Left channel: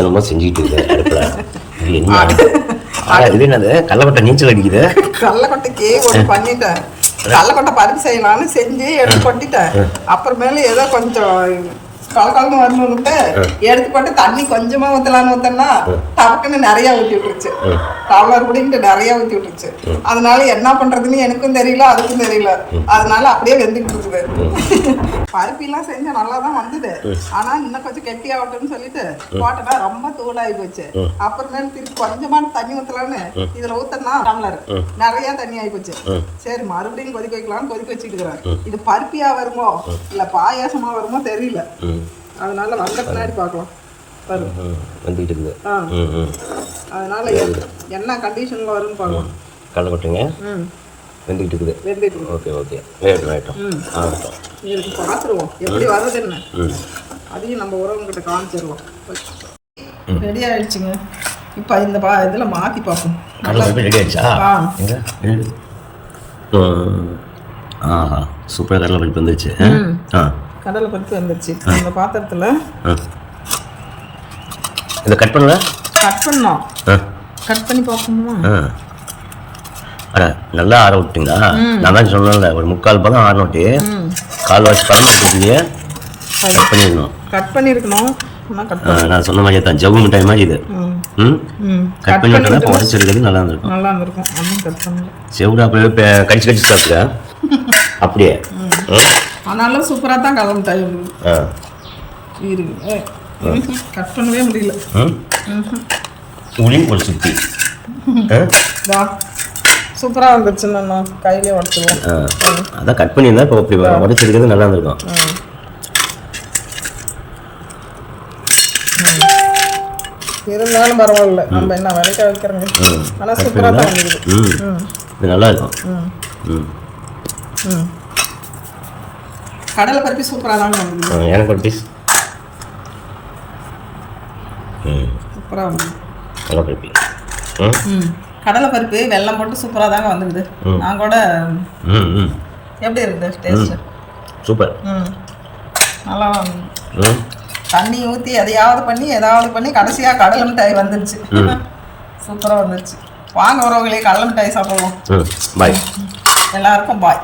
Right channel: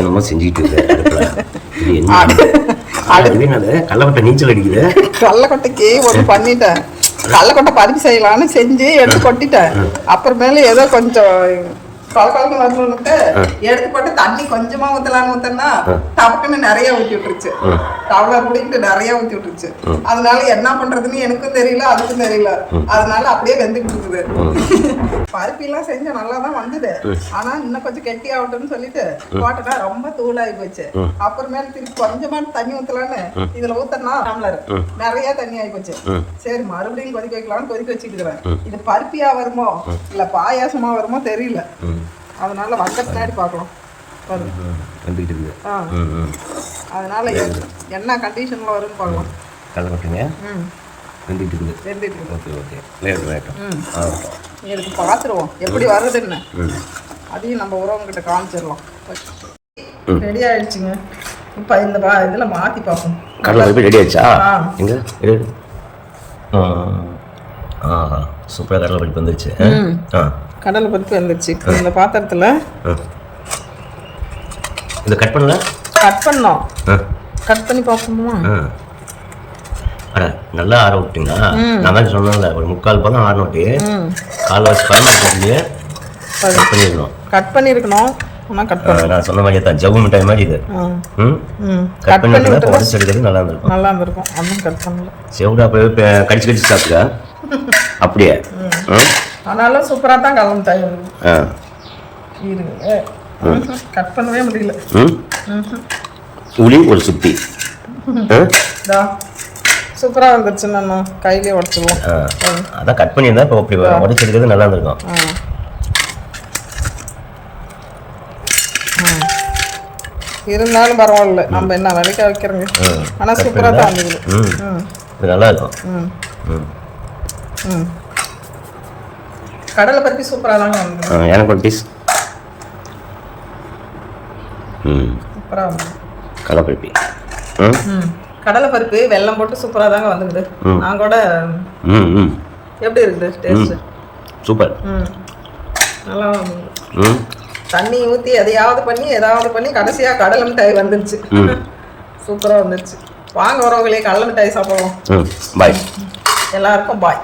என்னமோ செஞ்சுக்கிட்டு இருக்கு அடுப்பில். இது என்ன இது என்னது கள்ளக்கொட்டை நீச்சல் அடிக்குது? கள்ளக்கொட்டைக்கு ஒரு பண்ணிட்டேன். கள்ளக்கொட்டை பருப்பு செய்யலான்னு செஞ்சு எடுத்து கொட்டிட்டேன். அப்புறமேல ஏதோ கொஞ்சம் கலக்கலன்னு வரணும்னுட்டு எடுத்து போட்டு தண்ணி கொஞ்சமா ஊத்தலான்னு டபக்குன்னு நிறைய ஊற்றி விட்டுருச்சு. டம்ளர் குடிக்கிட்டு நிறைய ஊற்றி விட்டுருச்சு. அதனால என்ன பண்றதுன்னு எனக்கும் தெரியல, அதுக்கும் தெரியல. அதனால அப்படியே வெந்துக்கிட்டு இருக்குது. பருப்பெல்லாம் செஞ்சா நல்லா தான் வந்தது. ஆனா இன்னும் கொஞ்சம் கெட்டி ஆகட்டும்னு சொல்லிட்டு போட்டா ரொம்ப தூளாகி போச்சு. அப்புறமேல திருப்பி கொஞ்சமா தண்ணி ஊத்தலான்னு இதுல ஊத்தனா டம்ளர் நிறைய தண்ணி ஆகி போச்சு. சரி மறுபடியும் கொதிக்க வைக்கலாம்னு கொதிக்க வச்சுட்டு இருக்கிறேன். இது பருப்பியா வருமோ இல்ல பாயாசமா வருமோ தெரியல. அதனால வந்த பின்னாடி பார்க்கலாம். வந்துக்கிட்டு இருக்குது. அதனால என்ன கண்டிஷன்ல வரும்னு பார்க்கலாம். கள்ளக்கொட்டைங்க வெந்துக்கிட்டு இருக்குது. வெந்துட்டு ஓகே ஓகே வேகட்டும் ஆகட்டும். இதுக்கு பார்த்துருவோம் எப்படி வருது என்ன. அதையும் நம்ம உறவுங்கிட்ட காமிச்சிடலாம். ரெடி ஆயிடுச்சுங்க. இப்போ இந்த இதில் மாற்றி பார்ப்போம். கடலை பருப்பு ரெடி ஆயிடுச்சா? எங்க ஆஹா சூப்பராக கடலை பருப்பு வந்துருச்சு. கடலை பருப்பு வந்துருச்சு. இந்த பாத்திரத்தில் இதை கட் பண்ணல பண்ணோம். கட் பண்ணி பார்ப்போமா? அட நல்லா ஆற விட்டீங்களா? நான் தான் சொன்னேன்ல ஒரு 3/4 பதம் ஆறனோட்டி 1/4 பதம் எடுத்துக்கிட்டே கட் பண்ணிடணும். கட் பண்ணியிருக்கணும். நான் சொன்ன மாதிரியே தான் ஜவ்வு மிட்டாய் மாதிரி இது. கட் பண்ணி விட்டோன்னா இப்போ உடச்சி எடுக்கிறது நல்லா இருந்திருக்கும். நல்லா இருந்திருக்கும். அதுவும் கட் பண்ணல. செவிடா அப்படியே கடிச்சு கடிச்சு சாப்பிட்டுக்க அப்படியே. ஆனாலும் சூப்பராக தான் கடலை மிட்டாய் இருக்கு. கட் பண்ணவே முடியல. இப்படி ஒரு சுத்தி சூப்பராக வந்துருச்சுன்னா கையிலே உடச்சிடுவோம். அதான் கட் பண்ணியிருந்தா இப்போ அப்படி உடச்சி எடுக்கிறது நல்லா இருந்திருக்கும். இருந்தாலும் பரவாயில்ல, நம்ம என்ன வரைக்க வைக்கிறோங்க. ஆனால் சூப்பராக தான் வந்துருக்கு. இது நல்லா இருக்கும். கடலை பருப்பி சூப்பராக தாங்க வந்துருக்கு. எனக்கு ஒரு பீஸ் சூப்பராக வந்து கடலை பருப்பி. கடலை பருப்பு வெல்லம் போட்டு சூப்பராக தாங்க வந்துக்குது. நான் கூட எப்படி இருக்குது டேஸ்ட்டு? சூப்பர். நல்லா வந்துது. தண்ணி ஊற்றி எதையாவது பண்ணி கடைசியாக கடலை மிட்டாய் வந்துருச்சு. சூப்பராக வந்துருச்சு. வாங்க உறவுகளே கடலை மிட்டாய் சாப்பிடுவோம். பாய் எல்லாருக்கும் பாய்.